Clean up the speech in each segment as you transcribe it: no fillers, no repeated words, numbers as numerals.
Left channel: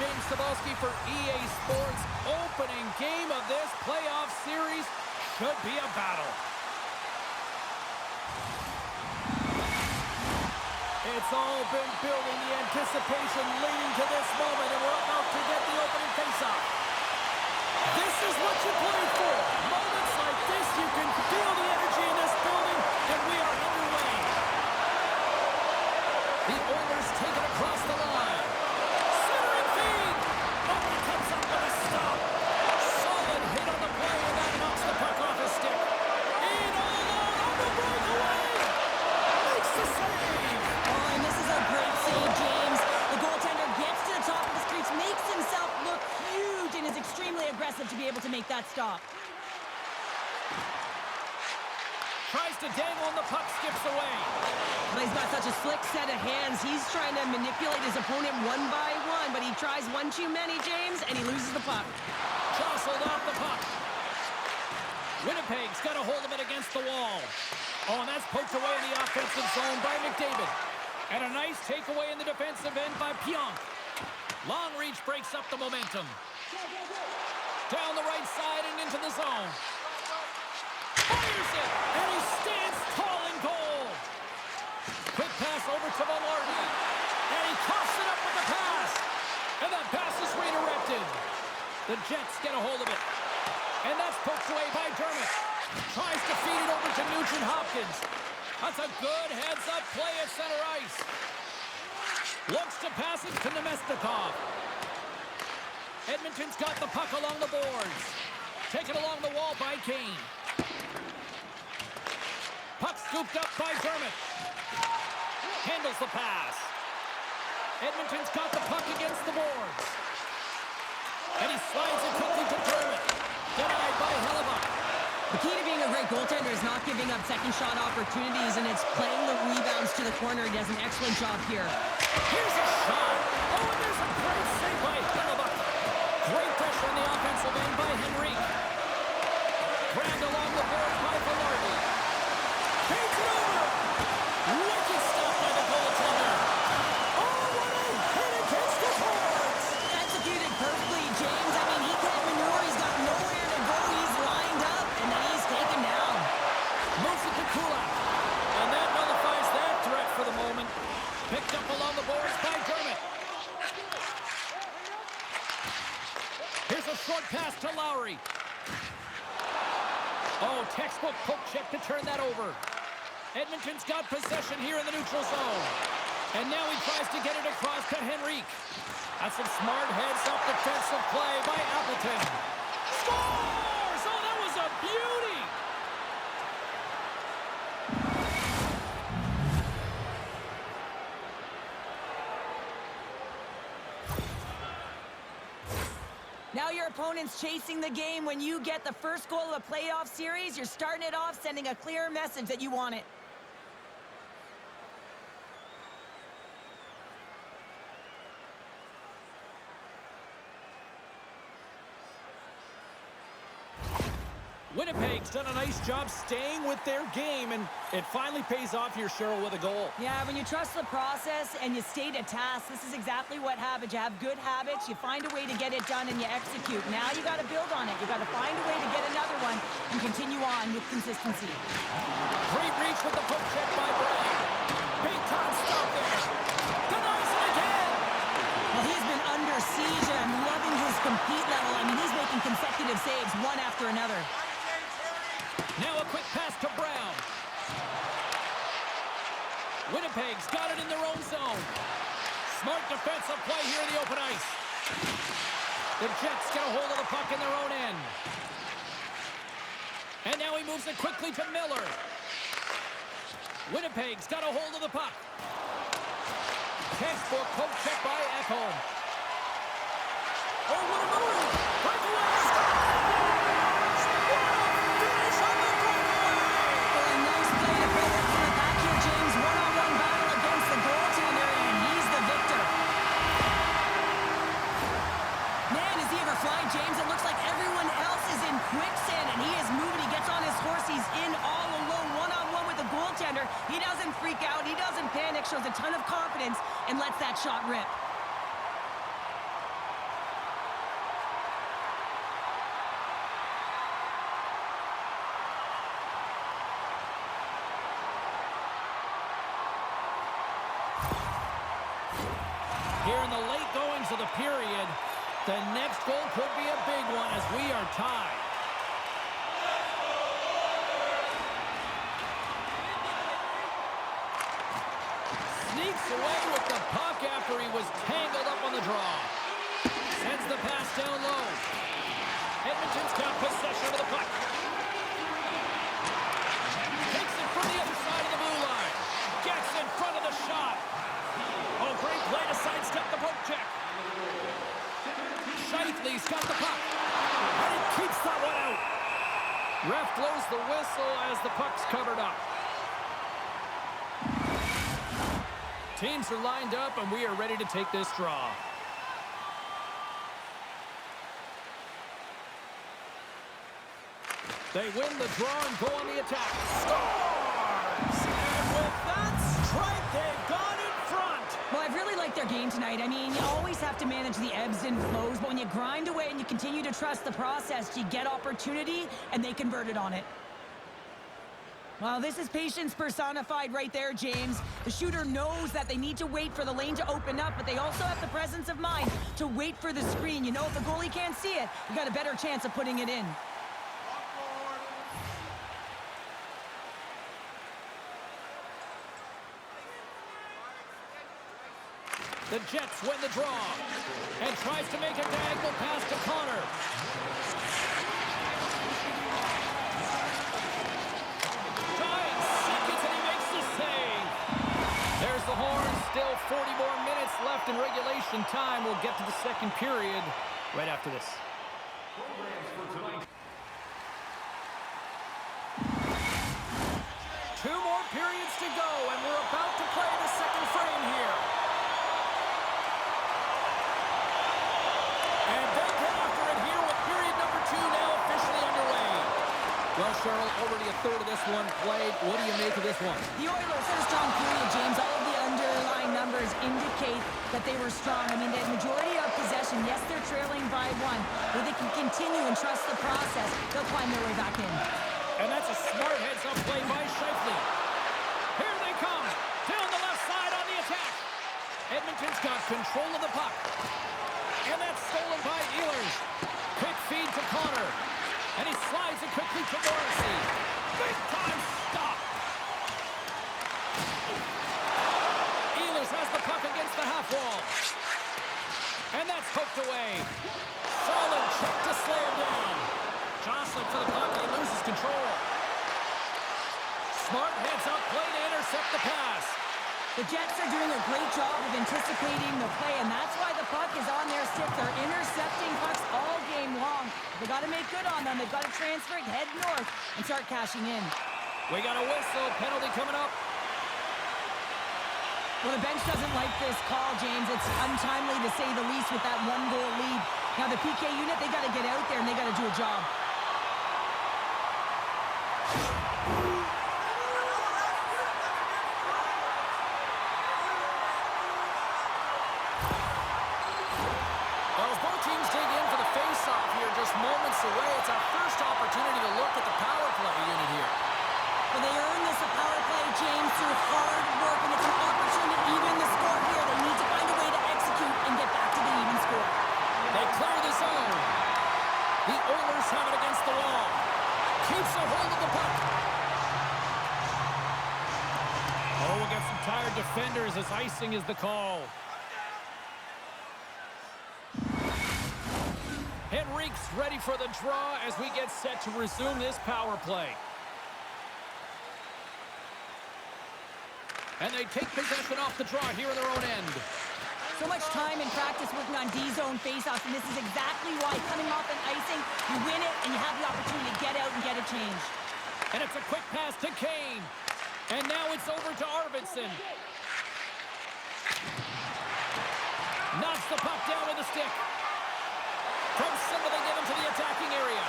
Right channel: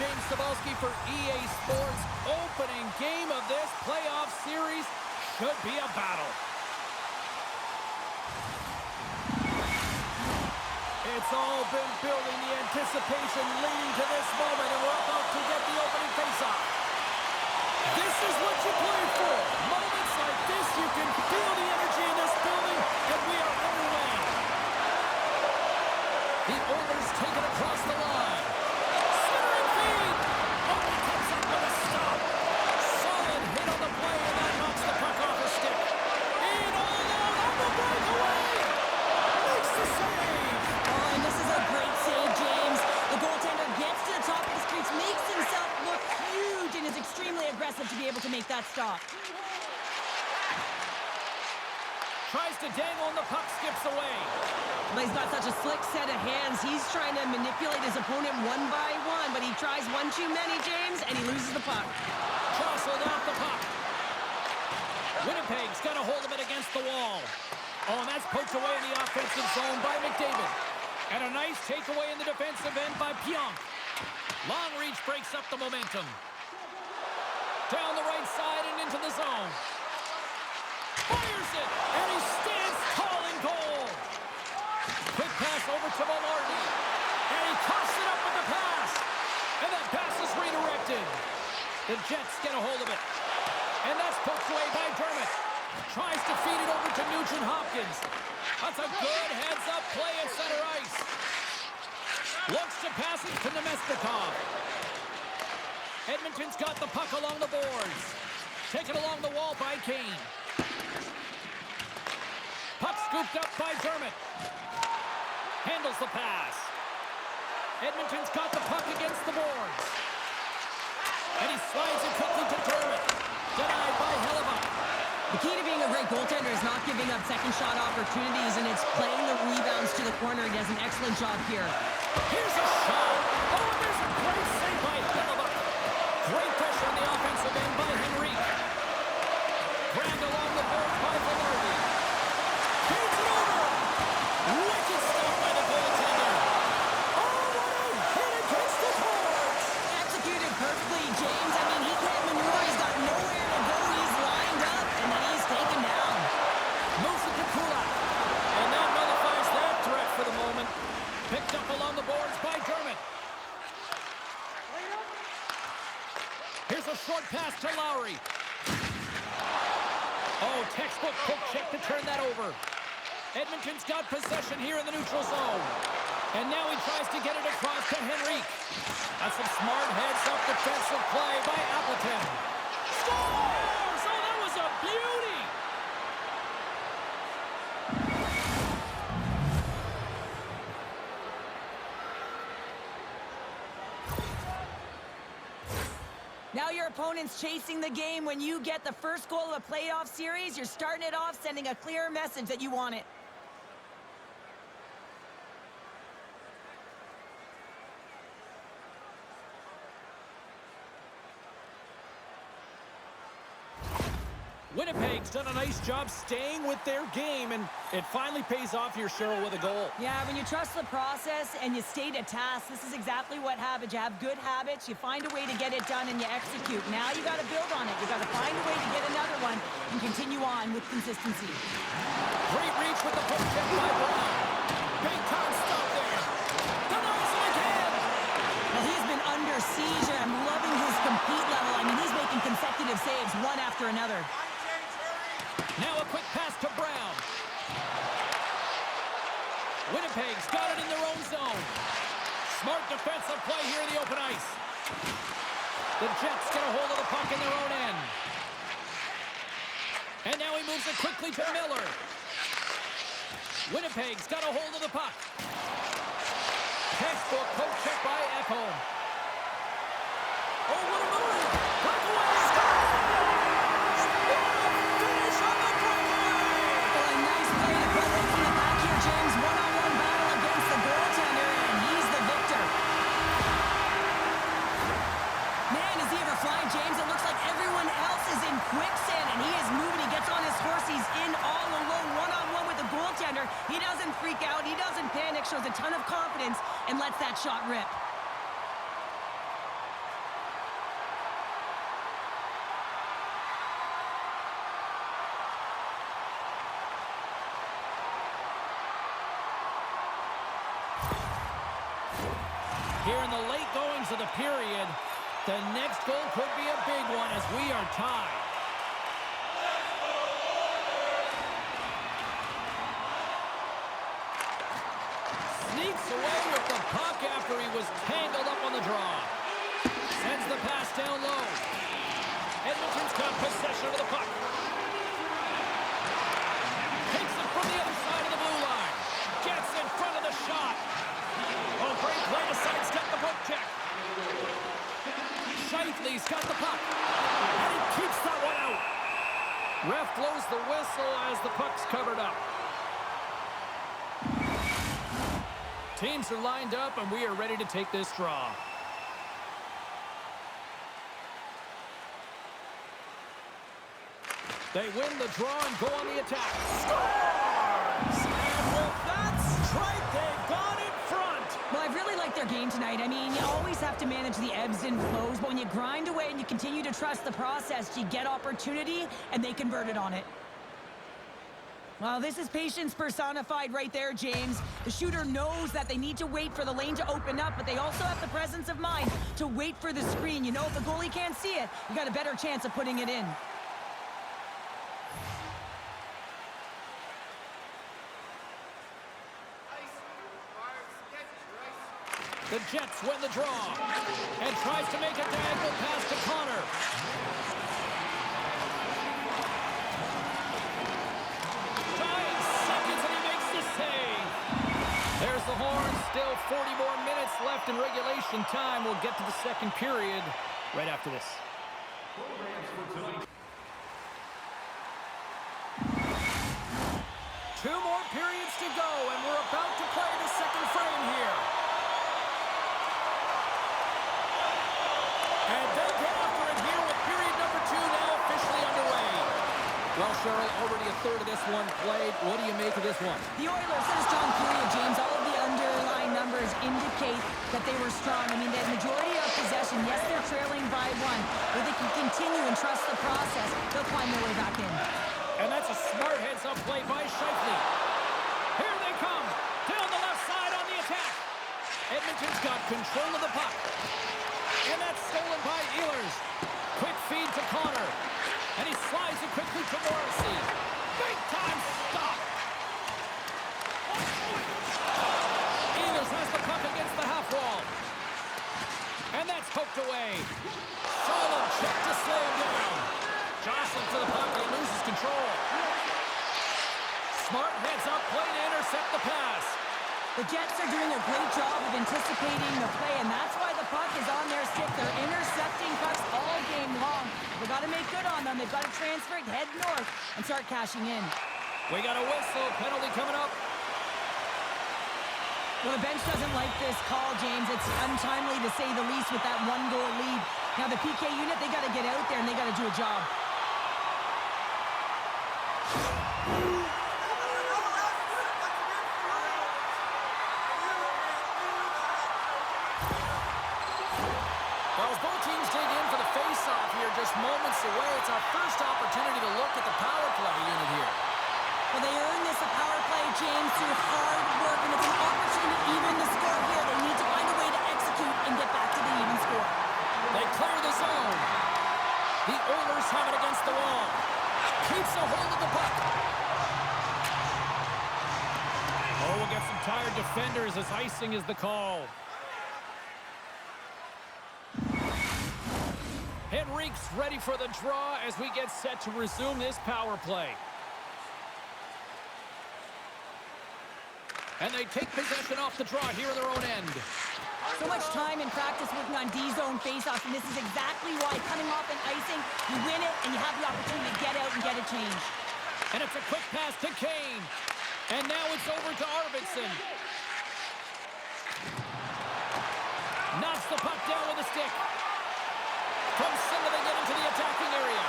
James Cebulski for EA Sports. Opening game of this playoff series should be a battle. It's all been building, the anticipation leading to this moment, and we're about to get the opening faceoff. This is what you play for. Moments like this, you can feel the energy in this building, and we are underway. The Oilers take it across the line. Centering feed. Oh, he comes up with a stop. Solid hit on the play, and that knocks the puck off his stick. In all alone on the breakaway. Makes the save. Oh, and this is a great save, James. The goaltender gets to the top of the crease, makes himself look huge, and is extremely aggressive to be able to make that stop. Tries to dangle, and the puck skips away. But he's got such a slick set of hands. He's trying to manipulate his opponent one by one, but he tries one too many, James, and he loses the puck. Jostled off the puck. Winnipeg's got a hold of it against the wall. Oh, and that's poked away in the offensive zone by McDavid. And a nice takeaway in the defensive end by Pionk. Long reach breaks up the momentum. Down the right side and into the zone. Fires it, and he stands tall in goal. Quick pass over to Velarde. And he coughs it up with the pass. And that pass is redirected. The Jets get a hold of it. And that's poked away by Dermott. Tries to feed it over to Nugent-Hopkins. That's a good heads-up play at center ice. Looks to pass it to Nemestikov. Edmonton's got the puck along the boards. Taken along the wall by Kane. Puck scooped up by Dermott. Handles the pass. Edmonton's got the puck against the boards. And he slides it quickly to Dermott. Denied by Hellebuck. The key to being a great goaltender is not giving up second shot opportunities, and it's playing the rebounds to the corner. He does an excellent job here. Here's a shot. Oh, and there's a great save by Hellebuck. Great pressure on the offensive end by Henrique. Grabbed along the board by Velarde. Takes it over. Wicked stop by the goaltender. Oh, what a hit against the boards. Executed perfectly, James. I mean, he can't maneuver. He's got nowhere to go. He's lined up, and then he's taken down. Moves it to Kulak. And that nullifies that threat for the moment. Picked up along the boards by Dermott. Here's a short pass to Lowry. Oh, textbook poke check to turn that over. Edmonton's got possession here in the neutral zone. And now he tries to get it across to Henrique. That's some smart heads-up defensive play by Appleton. Scores! Oh, that was a beauty! Now your opponent's chasing the game. When you get the first goal of a playoff series, you're starting it off sending a clear message that you want it. Winnipeg's done a nice job staying with their game, and it finally pays off here, Cheryl, with a goal. Yeah, when you trust the process and you stay to task, this is exactly what happens. You have good habits, you find a way to get it done, and you execute. Now you got to build on it. You got to find a way to get another one and continue on with consistency. Great reach with the poke check by Brown. Big time stop there. Denies him again. Well, he's been under siege, and I'm loving his compete level. I mean, he's making consecutive saves, one after another. Now a quick pass to Brown. Winnipeg's got it in their own zone. Smart defensive play here in the open ice. The Jets get a hold of the puck in their own end. And now he moves it quickly to Miller. Winnipeg's got a hold of the puck. Textbook poke check by Ekholm. Oh, what a move! Breakaway! Scores! What a finish on the breakaway! Well, a nice play to pull it from the back here, James. One-on-one battle against the goaltender, and he's the victor. Man, is he ever flying, James? It looks like everyone else is in quicksand, and he is moving. He gets on his horse. He's in all alone, one-on-one with the goaltender. He doesn't freak out. He doesn't panic. Shows a ton of confidence and lets that shot rip. here in the late goings of the period. The next goal could be a big one as we are tied. Sneaks away with the puck after he was tangled up on the draw. Sends the pass down low. Edmonton's got possession of the puck. Takes it from the other side of the blue line. Gets in front of the shot. Oh, great play to sidestep the poke check. Scheifele's got the puck. And he keeps that one out. Ref blows the whistle as the puck's covered up. Teams are lined up, and we are ready to take this draw. They win the draw and go on the attack. Scores! And with that strike, they've gone in front. Well, I've really liked their game tonight. I mean, you always have to manage the ebbs and flows, but when you grind away and you continue to trust the process, you get opportunity, and they converted on it. Well, this is patience personified right there, James. The shooter knows that they need to wait for the lane to open up, but they also have the presence of mind to wait for the screen. You know, if the goalie can't see it, you got a better chance of putting it in. The Jets win the draw and tries to make a diagonal pass to Connor. Dying seconds and he makes the save. There's the horn. Still 40 more minutes left in regulation time. We'll get to the second period right after this. Two more periods to go, and we're about to play the second frame here. And they get after it here with period number 2 now officially underway. Well, Cheryl, already a third of this one played. What do you make of this one? The Oilers had a strong period, James. All of the underlying numbers indicate that they were strong. I mean, the majority of possession, yes, they're trailing by 1. But they can continue and trust the process. They'll climb their way back in. And that's a smart heads-up play by Scheifele. Here they come. Down the left side on the attack. Edmonton's got control of the puck. And that's stolen by Oilers. Quick feed to Connor. And he slides it quickly to Morrissey. Big time stop. Oilers has the puck against the half wall. And that's poked away. Solid check to slam down. Jostling for the puck, and he loses control. Smart heads up play to intercept the pass. The Jets are doing a great job of anticipating the play, and that's why the puck is on their stick. They're intercepting pucks all game long. They got to make good on them. They've got to transfer it, head north, and start cashing in. We got a whistle. Penalty coming up. Well, the bench doesn't like this call, James. It's untimely to say the least with that 1-goal lead. Now, the PK unit, they got to get out there, and they got to do a job. Well, as both teams dig in for the face-off here, just moments away, it's our first opportunity to look at the power play unit here. Well, they earn this a power play, James, through hard work, and it's an opportunity to even the score here. They need to find a way to execute and get back to the even score. They clear the zone. The Oilers have it against the wall. Keeps a hold of the puck. Oh, we'll get some tired defenders as icing is the call. Henrique's ready for the draw as we get set to resume this power play. And they take possession off the draw here in their own end. So much time in practice working on D-zone faceoffs, and this is exactly why coming off an icing, you win it, and you have the opportunity to get out and get a change. And it's a quick pass to Kane. And now it's over to Arvidsson. Knocks the puck down with a stick. From center they get into the attacking area.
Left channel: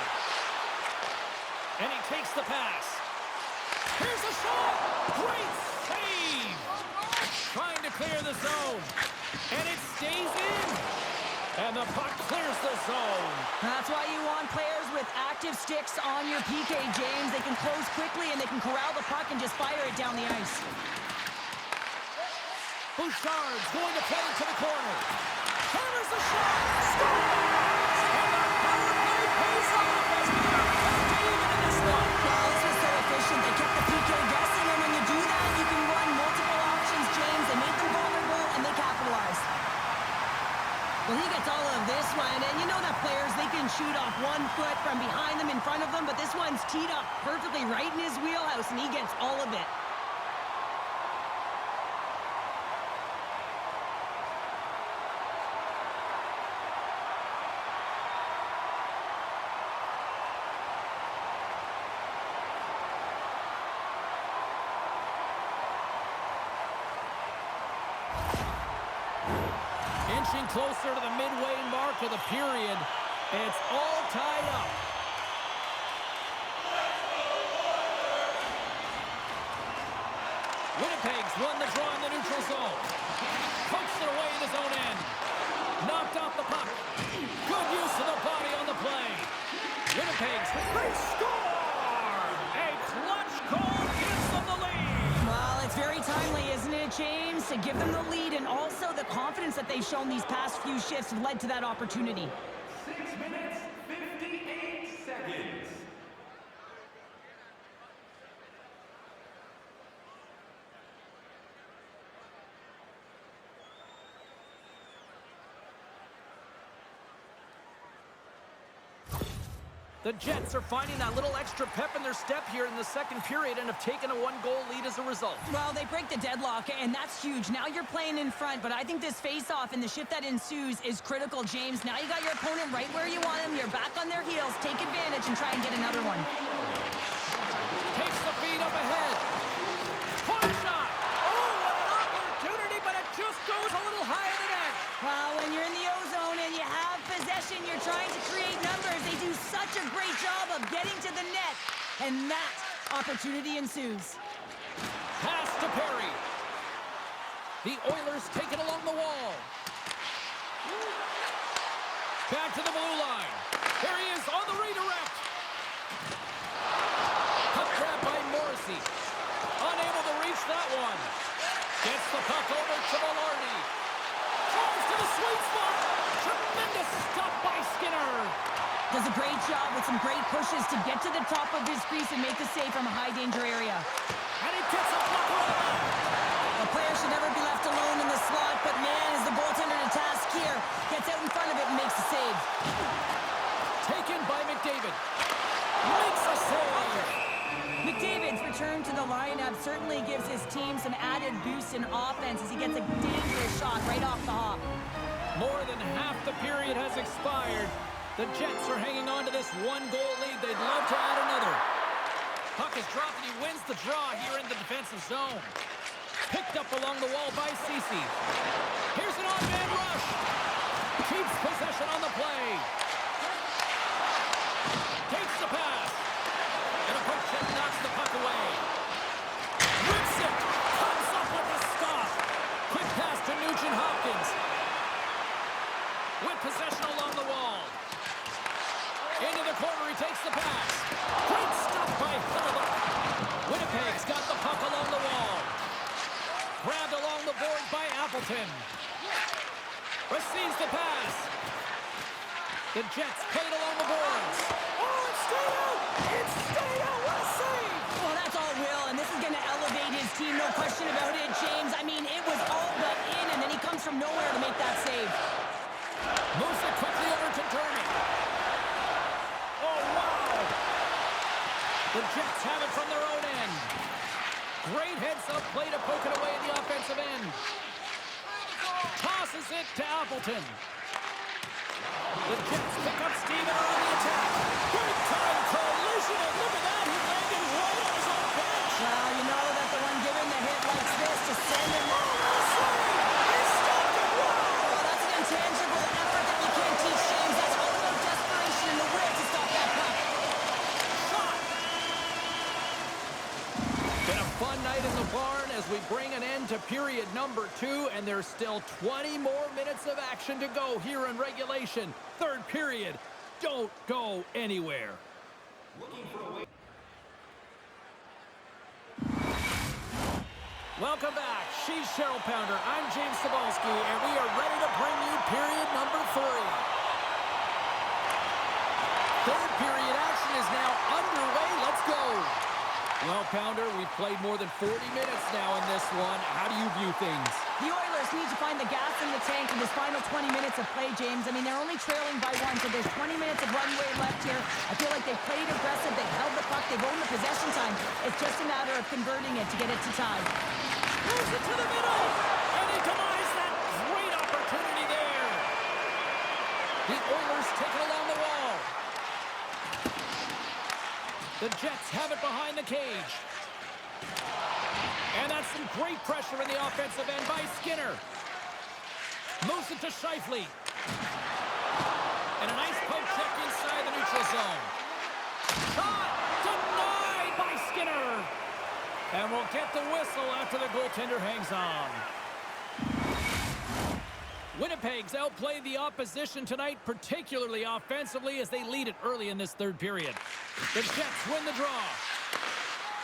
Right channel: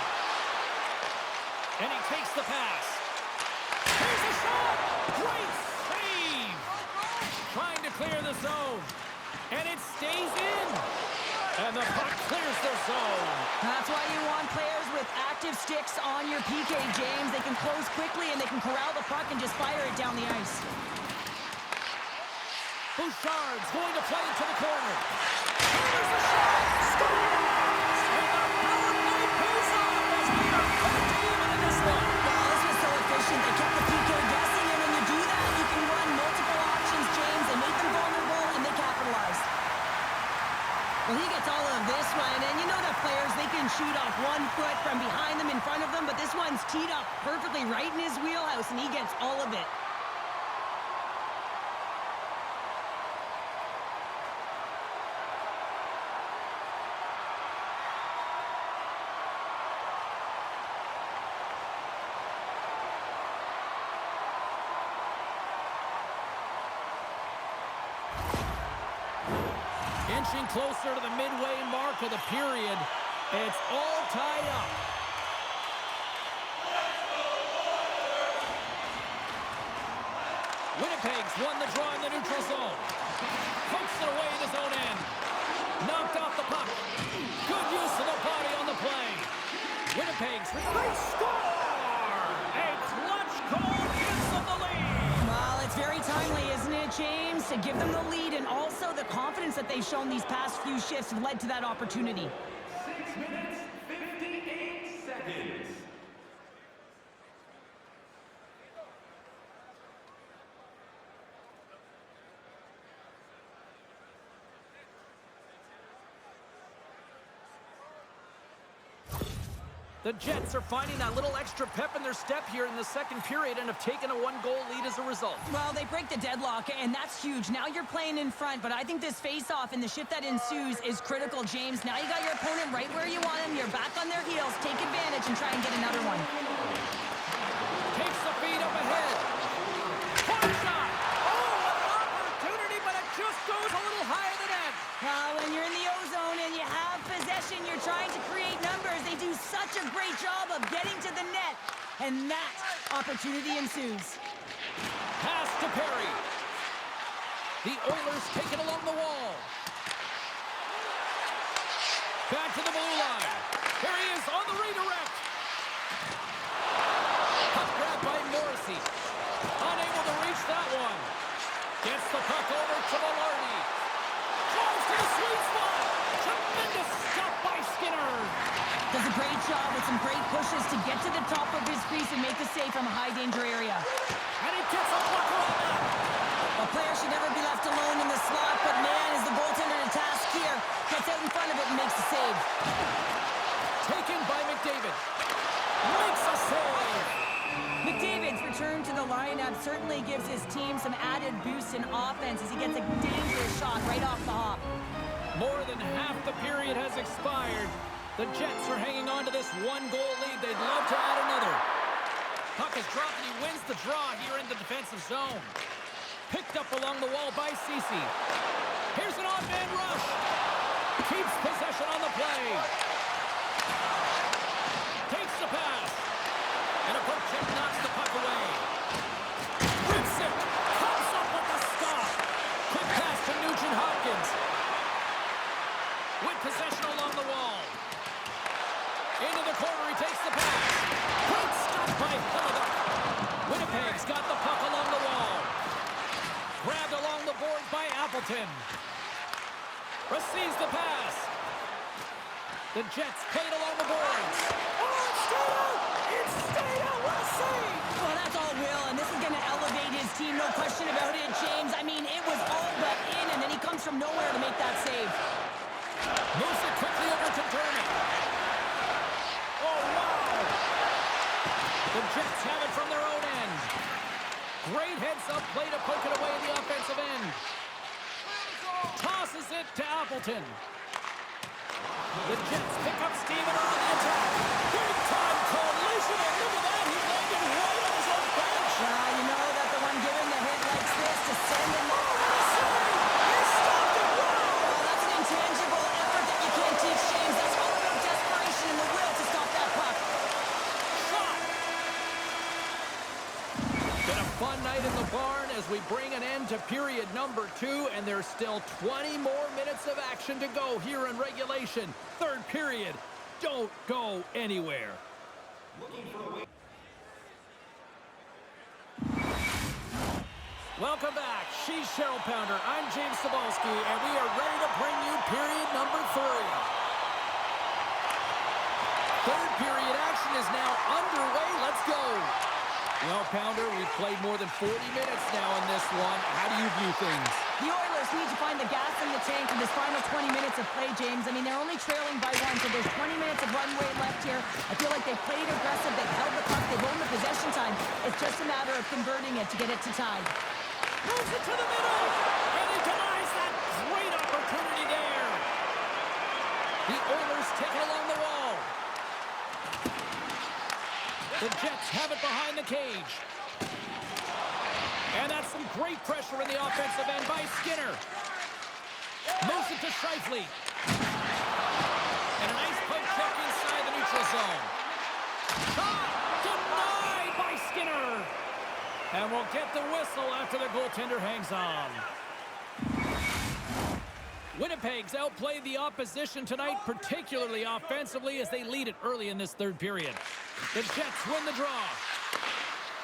And he takes the pass. Here's a shot! Great save! Trying to clear the zone. And it stays in. And the puck clears the zone. That's why you want players with active sticks on your PK, James. They can close quickly and they can corral the puck and just fire it down the ice. Bouchard's going to play into the corner. Counters the shot. Scores! And the power play pays off as we are back to even in this one. Well, this was so efficient. They kept the PK guessing, and when you do that, you can run multiple options, James. They made them vulnerable, and they capitalized. Well, he gets all of this one, and you know that players, they can shoot off 1 foot from behind them, in front of them, but this one's teed up perfectly right in his wheelhouse, and he gets all of it. Inching closer to the midway mark of the period. It's all tied up. Winnipeg's won the draw in the neutral zone. Pokes it away in his own end. Knocked off the puck. Good use of the body on the play. Winnipeg's they score! A clutch goal gives them the lead. Well, it's very timely, isn't it, James? To give them the lead, and also the confidence that they've shown these past few shifts have led to that opportunity. 6 minutes, 58 seconds. The Jets are finding that little extra pep in their step here in the second period and have taken a 1-goal lead as a result. Well, they break the deadlock, and that's huge. Now you're playing in front, but I think this face-off and the shift that ensues is critical, James. Now you got your opponent right where you want him. You're back on their heels. Take advantage and try and get another one. Takes the feed up ahead. Point shot! Oh, what an opportunity, but it just goes a little higher than that. Well, when you're in the O-zone and you have possession, you're trying to create numbers. They do such a great job of getting to the net, and that opportunity ensues. Pass to Perry. The Oilers take it along the wall. Back to the blue line. There he is on the redirect. Puck grab by Morrissey. Unable to reach that one. Gets the puck over to Velarde. Drives to the sweet spot. Tremendous stop by Skinner. Does a great job with some great pushes to get to the top of his crease and make the save from a high-danger area. And he gets a puck around that. A player should never be left alone in the slot, but man, is the goaltender to task here. Gets out in front of it and makes the save. Taken by McDavid. Makes a save. McDavid's return to the lineup certainly gives his team some added boost in offense as he gets a dangerous shot right off the hop. More than half the period has expired. The Jets are hanging on to this 1-goal lead. They'd love to add another. Puck is dropped and he wins the draw here in the defensive zone. Picked up along the wall by Ceci. Here's an odd man rush. Keeps possession on the play. Takes the pass. And a poke check knocks the puck away. Rips it. Comes up with the stop. Quick pass to Nugent Hopkins. With possession along the wall. Into the corner, he takes the pass. Great stop by Hillebuck. Winnipeg's got the puck along the wall. Grabbed along the board by Appleton. Receives the pass. The Jets played along the boards. Oh, it stayed out! It stayed out! What a save! Well, that's all Will, and this is going to elevate his team, no question about it, James. I mean, it was all but in, and then he comes from nowhere to make that save. Moves it quickly over to Dermott. Oh, wow! The Jets have it from their own end. Great heads-up play to poke it away in the offensive end. Tosses it to Appleton. The Jets pick up steam and are on the attack. Big time collision, and look at that, he landed right on his own bench. Well, you know that the one giving the hit likes this to send him. Oh, what a save! He stopped it, wow! Well, that's an intangible effort that you can't teach, James. That's all about desperation and the will to stop that puck. Shot! Been a fun night in the barn as we bring an end to period number 2, and there's still 20 more minutes of action to go here in regulation. Third period. Don't go anywhere. Welcome back. She's Cheryl Pounder. I'm James Cebulski, and we are ready to bring you period number 3. Third period action is now underway. Let's go. Well, Pounder, we've played more than 40 minutes now in this one. How do you view things? The Oilers need to find the gas in the tank in this final 20 minutes of play, James. I mean, they're only trailing by 1, so there's 20 minutes of runway left here. I feel like they've played aggressive, they've held the puck, they've owned the possession time. It's just a matter of converting it to get it to tie. Moves it to the middle, and he denies that great opportunity there. The Oilers take it along the wall. The Jets have it behind the cage. And that's some great pressure in the offensive end by Skinner. Moves it to Scheifele. And a nice poke check inside the neutral zone. Shot denied by Skinner. And we'll get the whistle after the goaltender hangs on. Winnipeg's outplayed the opposition tonight, particularly offensively, as they lead it early in this third period. The Jets win the draw.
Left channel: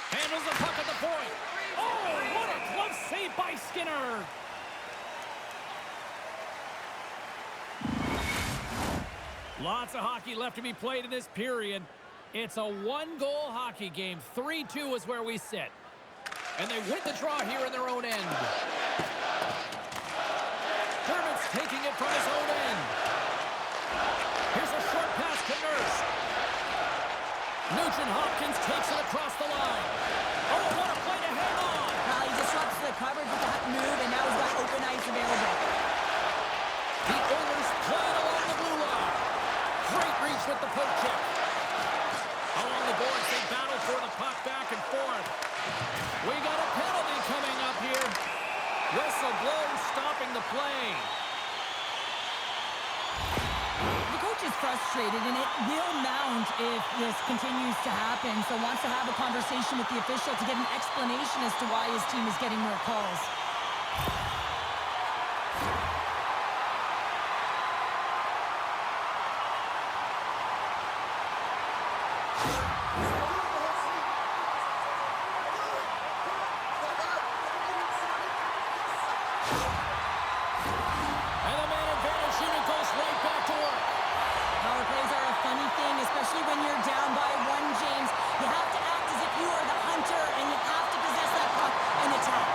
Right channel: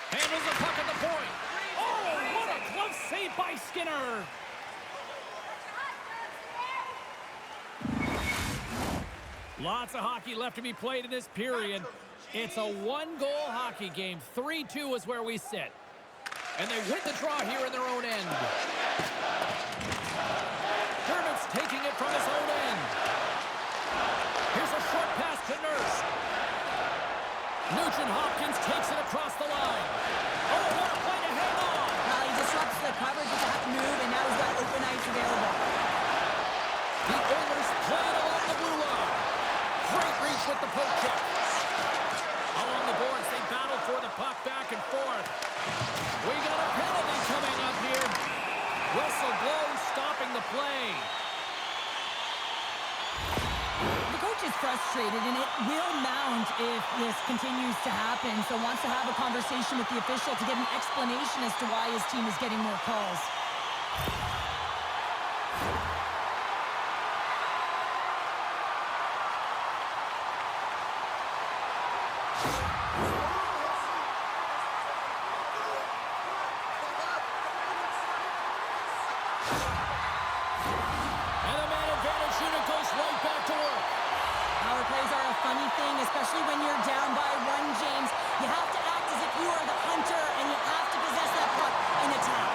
Handles the puck at the point. Oh, what a glove save by Skinner. Lots of hockey left to be played in this period. It's a one-goal hockey game. 3-2 is where we sit. And they win the draw here in their own end. Dermott's taking it from his own end. Here's a short pass to Nurse. Nugent-Hopkins takes it across the line. Oh, what a play to hang on. Well, he disrupts the coverage with that move, and now he's got open ice available. The Oilers play it along the blue line. Great reach with the poke check. Along the boards, they battle for the puck back and forth. We got a penalty coming up here. Whistle blown, stopping the play. The coach is frustrated, and it will mount if this continues to happen. So wants to have a conversation with the official to get an explanation as to why his team is getting more calls. Power plays are a funny thing, especially when you're down by 1, James. You have to act as if you are the hunter, and you have to possess that puck and attack.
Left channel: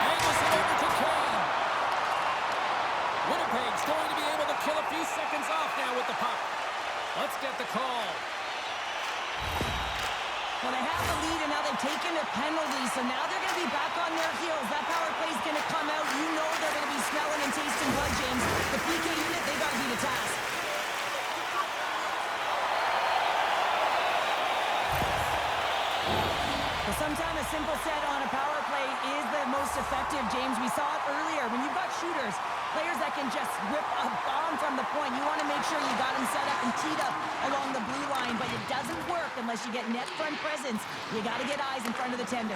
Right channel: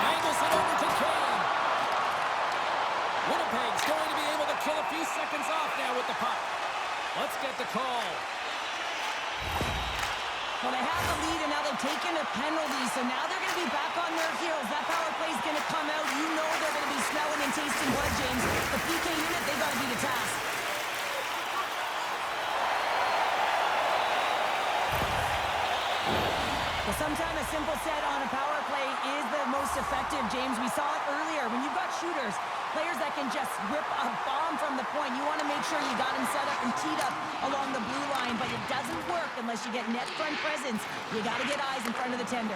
Angles it over to Kane. Winnipeg's going to be able to kill a few seconds off now with the puck. Let's get the call. Well, they have the lead, and now they've taken a penalty, so now they're going to be back on their heels. That power play is going to come out. You know they're going to be smelling and tasting blood, James. The PK unit, they got to be the task. Well, sometimes a simple set on a power play is the most effective, James. We saw it earlier. When you've got shooters, players that can just rip a bomb from the point, you want to make sure you got them set up and teed up along the blue line, but it doesn't work unless you get net front presence. You got to get eyes in front of the tender.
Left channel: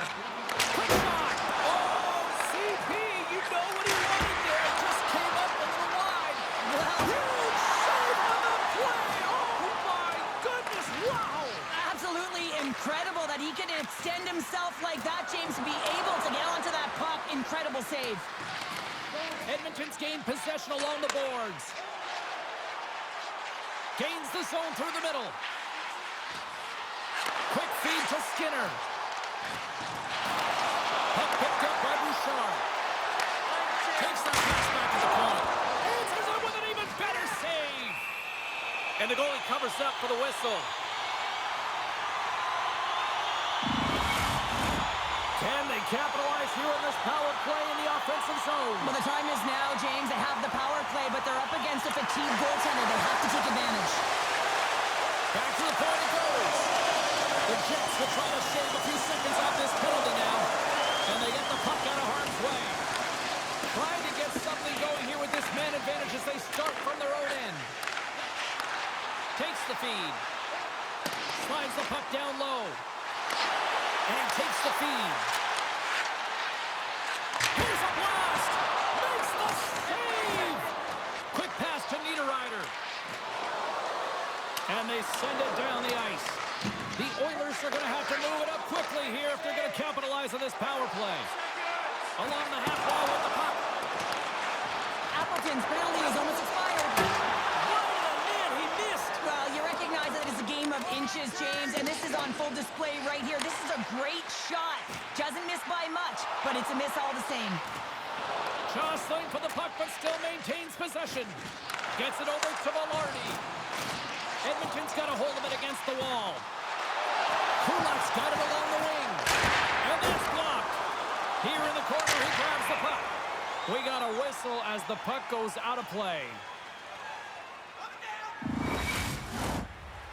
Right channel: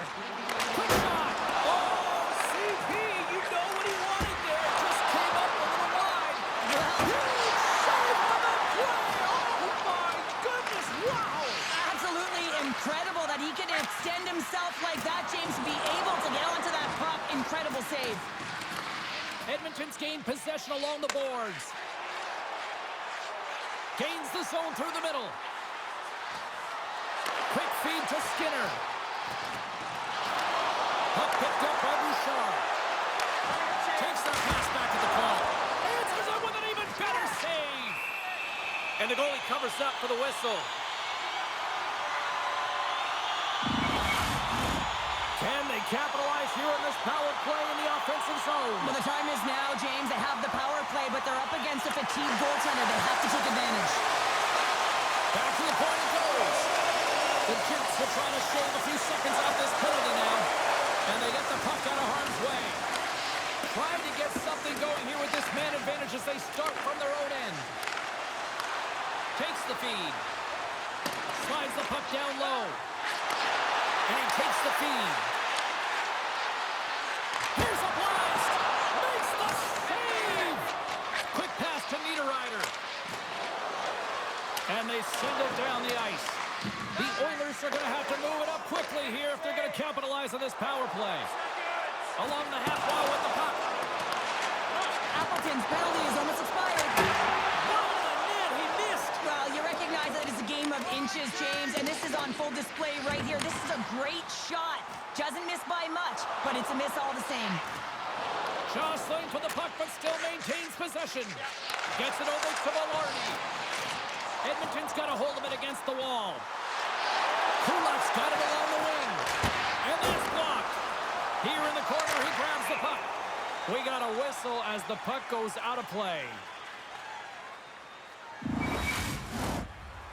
Quick shot! Oh, CP, you know what he wanted there. It just came up a little wide. Well, huge save on the play! Oh, my goodness, wow! Absolutely incredible that he can extend himself like that, James, to be able to get onto that puck. Incredible save. Edmonton's gained possession along the boards. Gains the zone through the middle. Quick feed to Skinner. Puck picked up by Bouchard. Takes that pass back to the point. Answers it with an even better save. And the goalie covers up for the whistle. Can they capitalize here on this power play in the offensive zone? Well, the time is now, James. They have the power play, but they're up against a fatigued goaltender. They have to take advantage. Back to the point it goes. The Jets will try to shave a few seconds off this penalty now. And they get the puck out of harm's way. Trying to get something going here with this man advantage as they start from their own end. Takes the feed. Slides the puck down low. And he takes the feed. Here's a blast! Makes the save! Quick pass to Niederreiter. And they send it down the ice. The Oilers are going to have to move it up quickly here if they're going to capitalize on this power play. Along the half wall with the puck. Appleton's penalty is almost expired. Wide of the net, he missed. Well, you recognize that it's a game of inches, James, and this is on full display right here. This is a great shot. Doesn't miss by much, but it's a miss all the same. Jostling for the puck, but still maintains possession. Gets it over to Velarde. Edmonton's got a hold of it against the wall. Kulak's got it along the wing. And that's blocked. Here in the corner, he grabs the puck. We got a whistle as the puck goes out of play.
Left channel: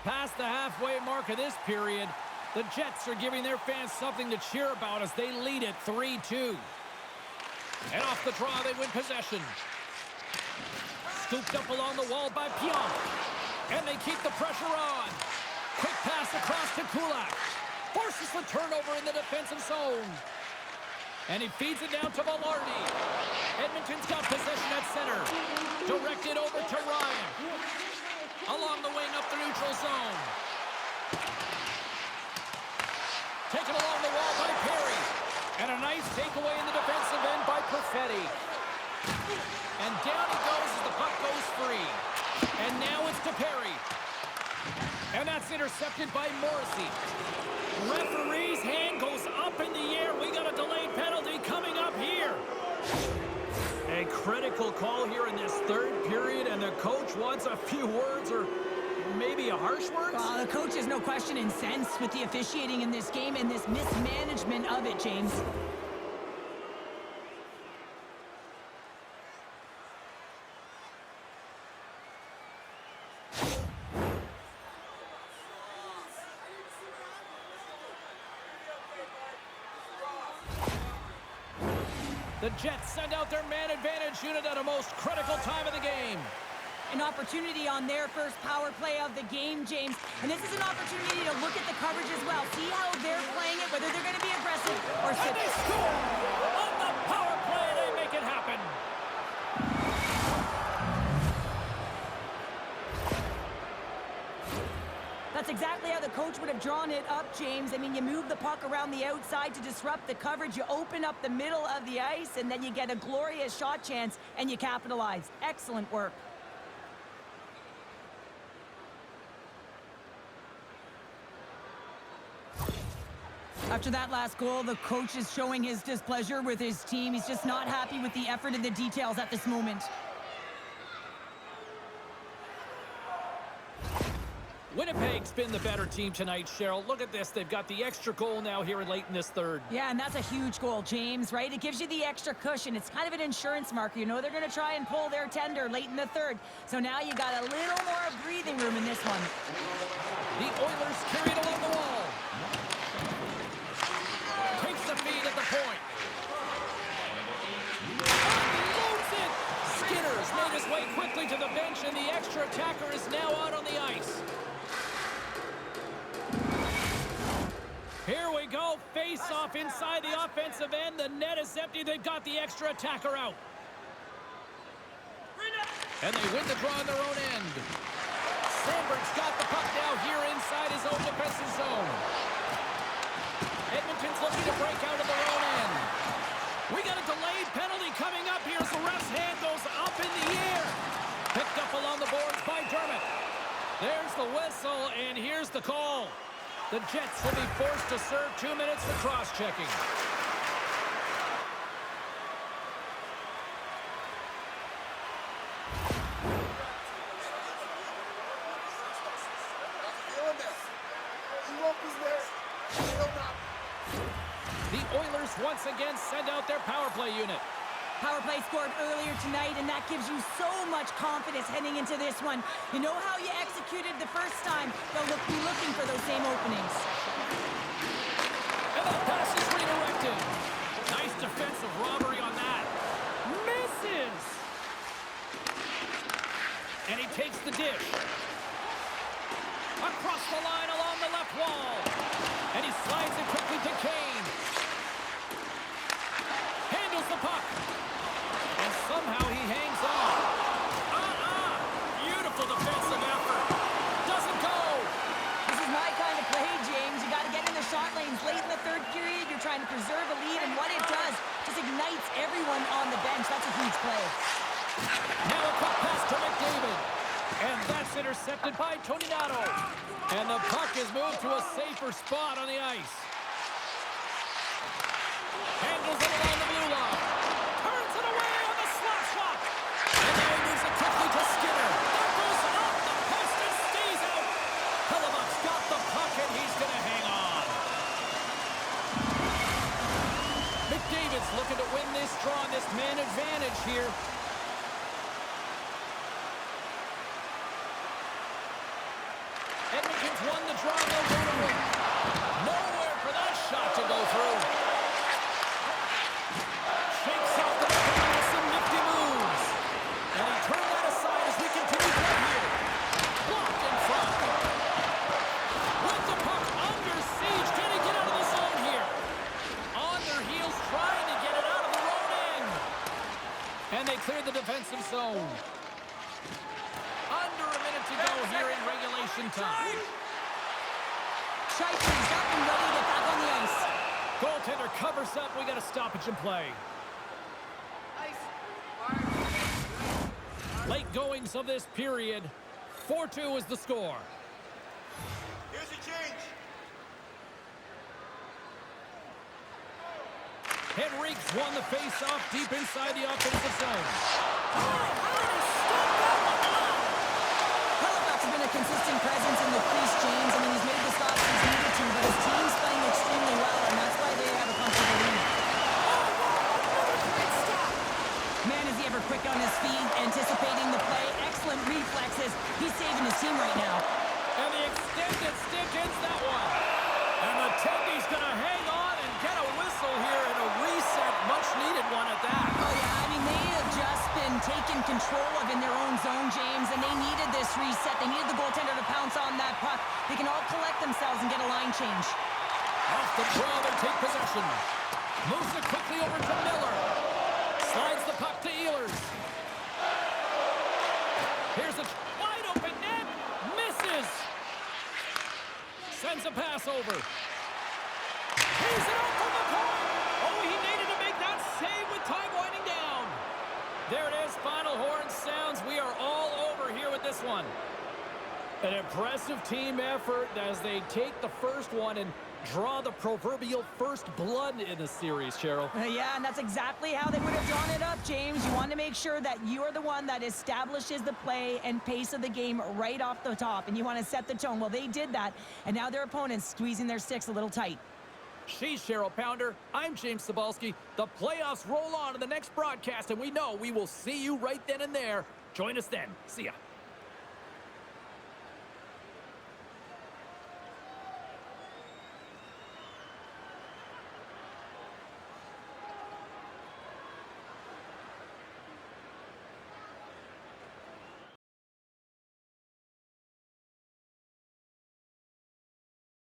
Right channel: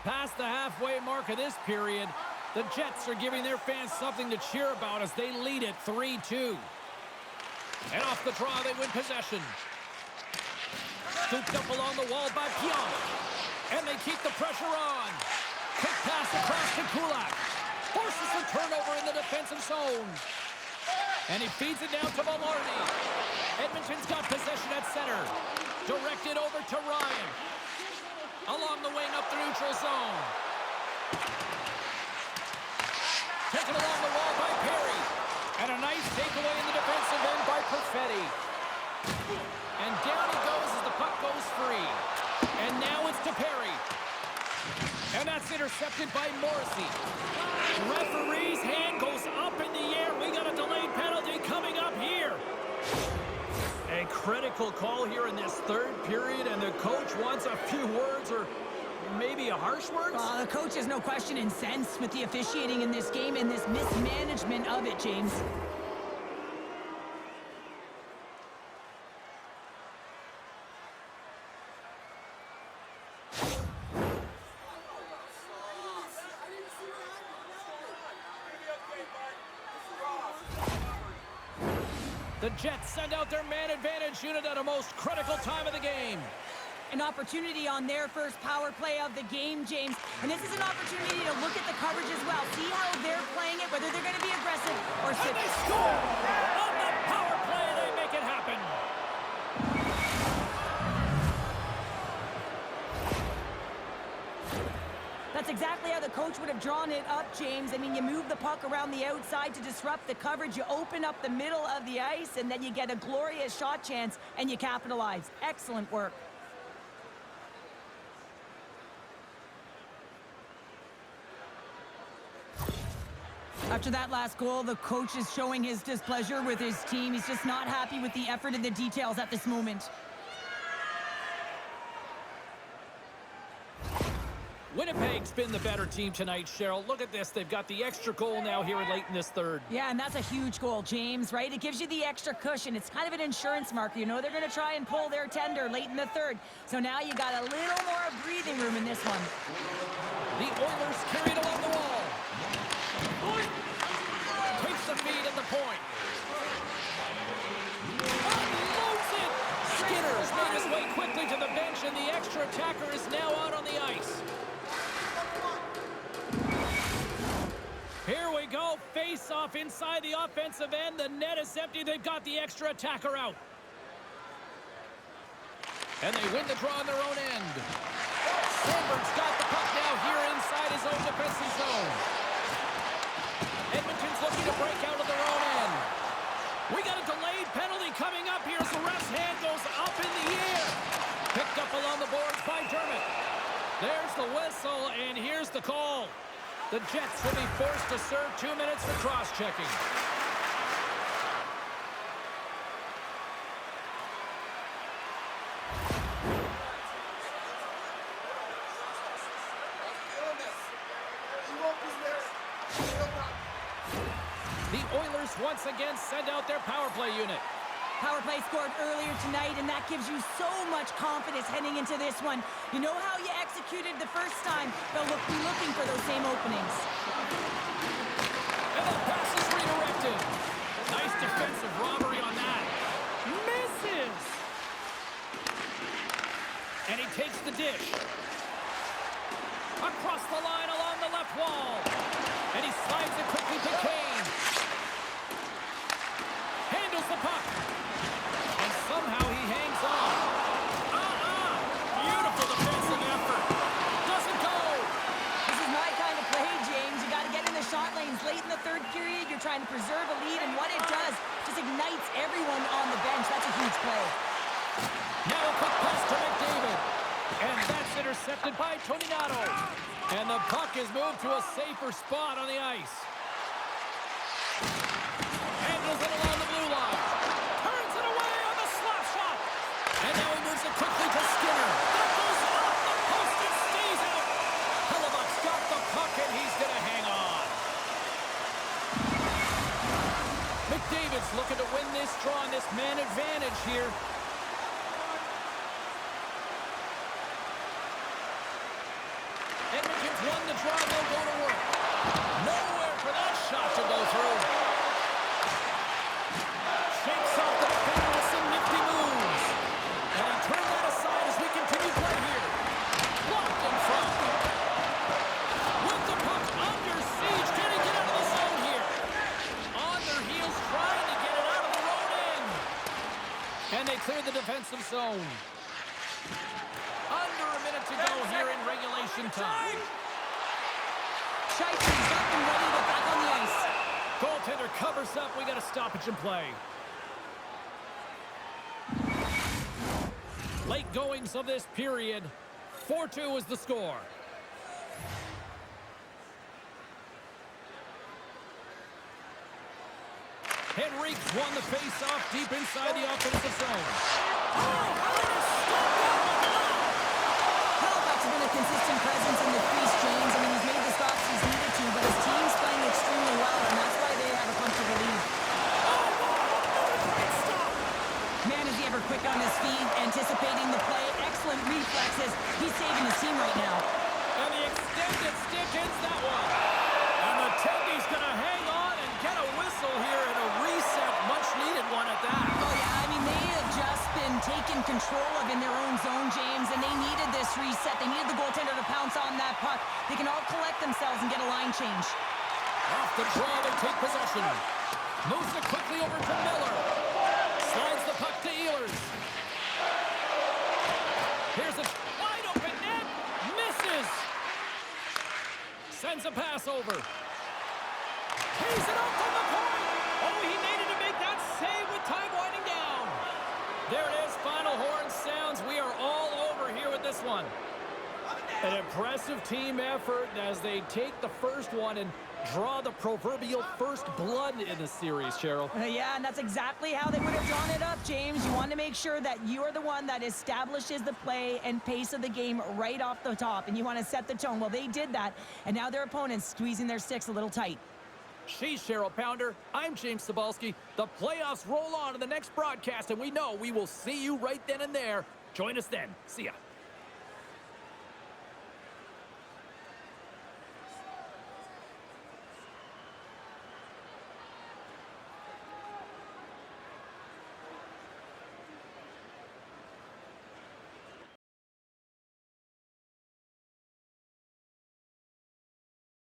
Past the halfway mark of this period, the Jets are giving their fans something to cheer about as they lead it 3-2. And off the draw, they win possession. Scooped up along the wall by Pionk. And they keep the pressure on. Quick pass across to Kulak. Forces the turnover in the defensive zone. And he feeds it down to Velarde. Edmonton's got possession at center. Directed over to Ryan. Along the wing up the neutral zone. Taken along the wall by Perry. And a nice takeaway in the defensive end by Perfetti. And down he goes as the puck goes free. And now it's to Perry. And that's intercepted by Morrissey. Referee's hand goes up in the air. We got a delayed penalty coming up here. A critical call here in this third period, and the coach wants a few words or maybe a harsh words? The coach is no question incensed with the officiating in this game and this mismanagement of it, James. The Jets send out their man advantage unit at a most critical time of the game. An opportunity on their first power play of the game, James. And this is an opportunity to look at the coverage as well. See how they're playing it, whether they're going to be aggressive or sit. And they score! On the power play, they make it happen. That's exactly how the coach would have drawn it up, James. I mean, you move the puck around the outside to disrupt the coverage. You open up the middle of the ice, and then you get a glorious shot chance, and you capitalize. Excellent work. After that last goal, the coach is showing his displeasure with his team. He's just not happy with the effort and the details at this moment. Winnipeg's been the better team tonight, Cheryl. Look at this. They've got the extra goal now here late in this third. Yeah, and that's a huge goal, James, right? It gives you the extra cushion. It's kind of an insurance marker. You know they're going to try and pull their tender late in the third. So now you got a little more breathing room in this one. The Oilers carry it along the wall. Takes the feed at the point. Unloads it! Skinner's made his way quickly to the bench, and the extra attacker is now out on the ice. Here we go. Face off inside the offensive end. The net is empty. They've got the extra attacker out. And they win the draw in their own end. Sandberg's got the puck now here inside his own defensive zone. Edmonton's looking to break out of their own end. We got a delayed penalty coming up here as the ref's hand goes up in the air. Picked up along the boards by Dermott. There's the whistle, and here's the call. The Jets will be forced to serve 2 minutes for cross-checking. The Oilers once again send out their power play unit. Power play scored earlier tonight, and that gives you so much confidence heading into this one. You know how you executed the first time. They'll be looking for those same openings. And that pass is redirected. Nice defensive robbery on that. Misses. And he takes the dish. Across the line along the left wall. And he slides it quickly to Kane. Handles the puck. And somehow he hangs on. Beautiful defensive effort. Doesn't go. kind of play, James. You got to get in the shot lanes late in the third period. You're trying to preserve a lead, and what it does just ignites everyone on the bench. That's a huge play. Now a quick pass to McDavid. And that's intercepted by Toninato. And the puck is moved to a safer spot on the ice. Handles it along the blue line. Turns it away on the slap shot. And now he moves it quickly to Skinner. That goes off the post and stays out. Hellebuck's got the puck and he's going to hang on. McDavid's looking to win this draw on this man advantage here. Edmonton's won the draw, they'll go to work. Nowhere for that shot to go through. Shakes off the defender with some nifty moves. And he turned that aside as we continue play here. Blocked in front. With the puck under siege. Can he get out of the zone here? On their heels trying to get it out of the road end. And they cleared the defensive zone. Under a minute to go here in regulation time. Scheifele's up and ready to get back on the ice. Goaltender covers up. We got a stoppage in play. Late goings of this period. 4-2 is the score. Here's a change. Henrique's won the face-off deep inside the offensive zone. Oh, how did he stop that one? Halifax has been a consistent presence in the crease, James. I mean, he's made the stops he's needed to, but his team's playing extremely well, and that's why they have a comfortable lead. Oh, wow, another great stop. Man, is he ever quick on his feet, anticipating the play. Excellent reflexes. He's saving his team right now. And the extended stick ends that one. And the Tendy's going to hang on and get a whistle here and a reset, much-needed one at that. Oh, yeah, I mean, they have just been taken control of in their own zone, James, and they needed this reset. They needed the goaltender to pounce on that puck. They can all collect themselves and get a line change. Off the draw, they take possession. Moves it quickly over to Miller. Slides the puck to Ehlers. Here's a wide open net. Misses. Sends a pass over. He's it out from the point. Oh, he needed to make that save with time winding down. There it is. Final horn sounds. We are all over here with this one. An impressive team effort as they take the first one and draw the proverbial first blood in the series, Cheryl. Yeah, and that's exactly how they would have drawn it up, James. You want to make sure that you are the one that establishes the play and pace of the game right off the top, and you want to set the tone. Well, they did that, and now their opponents squeezing their sticks a little tight. She's Cheryl Pounder. I'm James Cybulski. The playoffs roll on in the next broadcast, and we know we will see you right then and there. Join us then. See ya.